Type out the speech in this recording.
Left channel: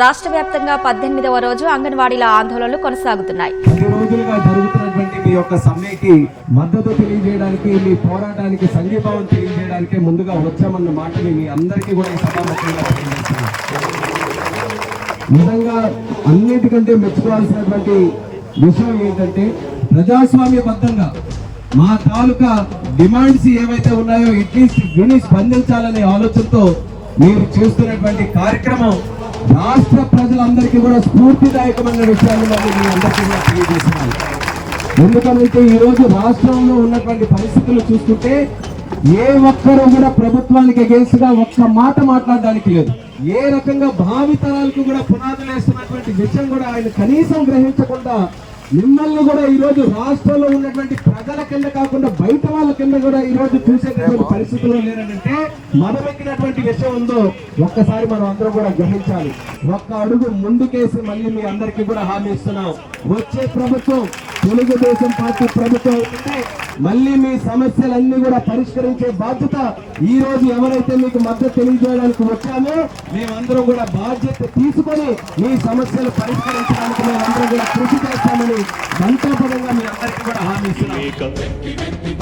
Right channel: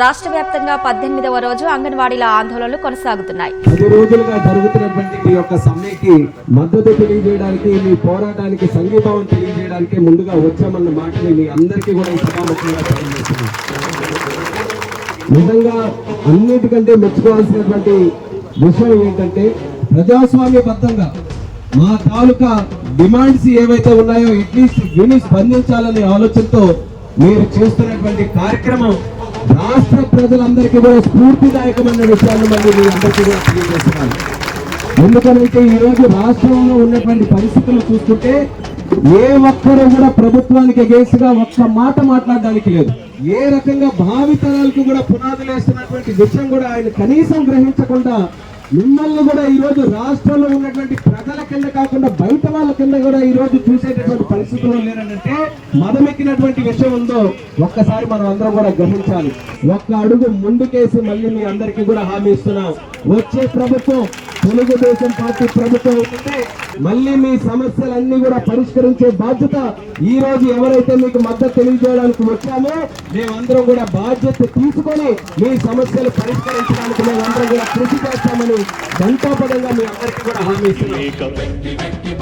రాష్ట్ర వ్యాప్తంగా 18వ రోజు అంగన్వాడీల ఆందోళనలు కొనసాగుతున్నాయి. 10 రోజులుగా జరుగుతున్నటువంటి మీ యొక్క సమ్మెకి మద్దతు తెలియజేయడానికి, మీ పోరాటానికి సంఘీభావం తెలియజేయడానికి ముందుగా వచ్చామన్న మాటని మీ అందరికీ కూడా ఈ సభాముఖంగా తెలియజేస్తున్నాం. నిజంగా అన్నిటికంటే మెచ్చుకోవాల్సినటువంటి విషయం ఏంటంటే, ప్రజాస్వామ్యబద్ధంగా మా తాలూకా డిమాండ్స్ ఏవైతే ఉన్నాయో అట్లీస్ట్ విని స్పందించాలనే ఆలోచనతో మీరు చేస్తున్నటువంటి కార్యక్రమం రాష్ట్ర ప్రజలందరికీ కూడా స్ఫూర్తిదాయకమైన విషయాన్ని మళ్ళీ మీ అందరికీ కూడా తెలియజేస్తున్నాను. ఎందుకంటే ఈరోజు రాష్ట్రంలో ఉన్నటువంటి పరిస్థితులు చూస్తుంటే ఏ ఒక్కరూ కూడా ప్రభుత్వానికి అగేన్స్ట్ గా ఒక్క మాట మాట్లాడడానికి లేదు. ఏ రకంగా భావితరాలకు కూడా పునాదులు వేస్తున్నటువంటి విషయం కూడా ఆయన కనీసం గ్రహించకుండా మిమ్మల్ని కూడా ఈ రోజు రాష్ట్రంలో ఉన్నటువంటి ప్రజల కింద కాకుండా బయట వాళ్ళ కింద కూడా ఈ రోజు చూసేటటువంటి పరిస్థితులు లేనంటే మదమెక్కినటువంటి విషయం ఉందో ఒక్కసారి మనం అందరం కూడా గ్రహించాలి. ఒక్క అడుగు ముందుకేసి మళ్ళీ మీ అందరికీ కూడా హామీ ఇస్తున్నాం. వచ్చే ప్రభుత్వం తెలుగుదేశం పార్టీ ప్రభుత్వం ఉంటే మళ్ళీ మీ సమస్యలన్నీ కూడా పరిష్కరించే బాధ్యత ఈ రోజు ఎవరైతే మీకు మద్దతు తెలియజేయడానికి వచ్చామో మేమందరం కూడా బాధ్యత తీసుకొని మీ సమస్యలు పరిష్కరించడానికి మేమందరం కూడా కృషి చేస్తామని సంకల్పంగా మీ అందరికీ కూడా హామీ ఇస్తున్నాం.